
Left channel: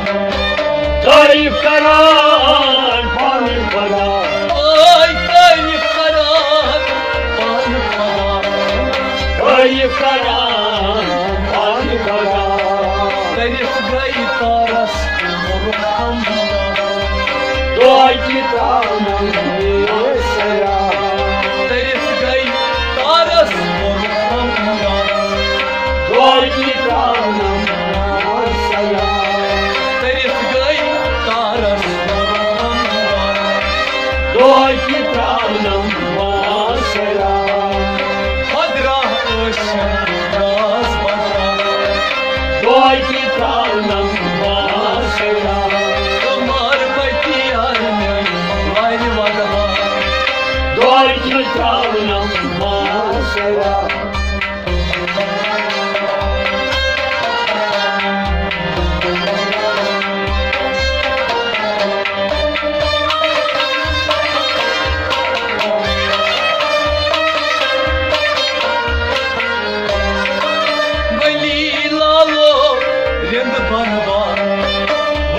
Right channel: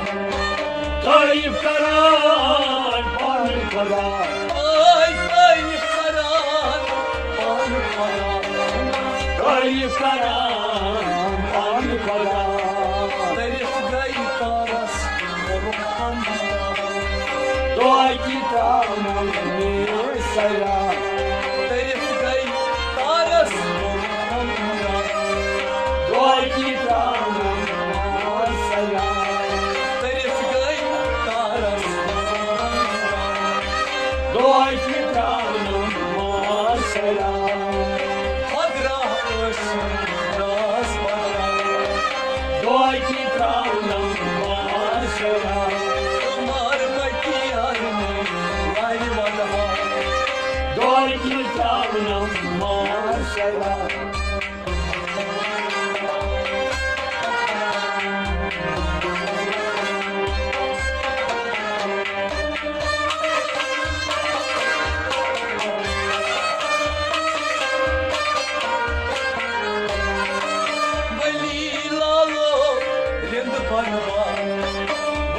Tarif karar pani para Ay tarif karar An para Tarif karar pani para Tarif gay taras Orhamda Doyki kavnum muhasera Tarif gay taras Orhamda Doyki kavnum muhasera Tarif gay taras Orhamda Doyki kavnum muhasera Hadra ışın Raz bana Doyki kavnum muhasera Damar bakiyarını Gayrı vada Doyki kavnum muhasera Vali lalo Rind banva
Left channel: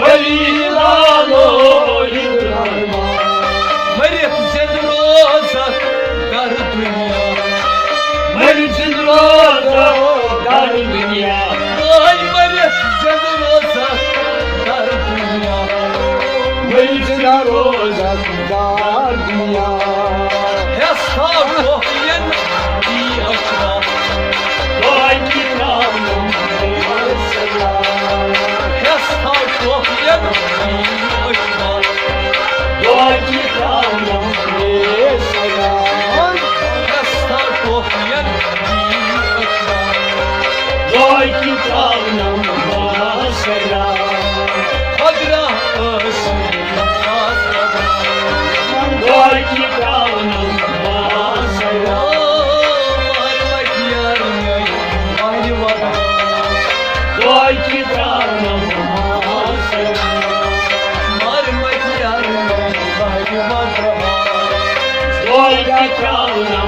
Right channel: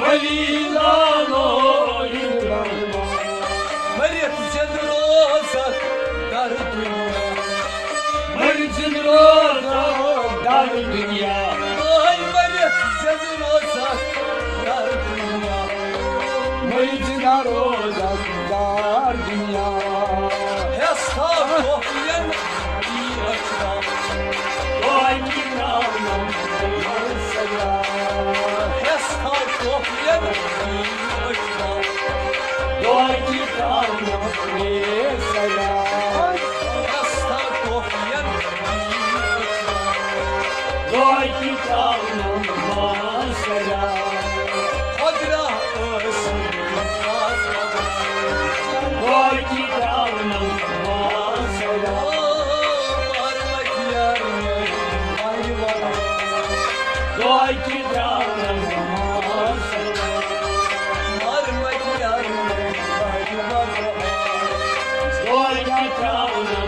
Valilano yıldırma Maryam zendrozak Dar dünya Mecid roza dar dünya Ay Maryam zendrozak Dar dünya Mecid roza dar dünya Hesta kohyen Di açra Doyki kavnum muhasera Hesta kohyen Di açra Doyki kavnum muhasera Hesta kohyen Di açra Doyki kavnum muhasera Kadra ışın Kasmada Doyki kavnum muhasera Varmak yarın Gayrı vada Doyki kavnum muhasera Varmak yarın Gayrı vada Doyki चावनं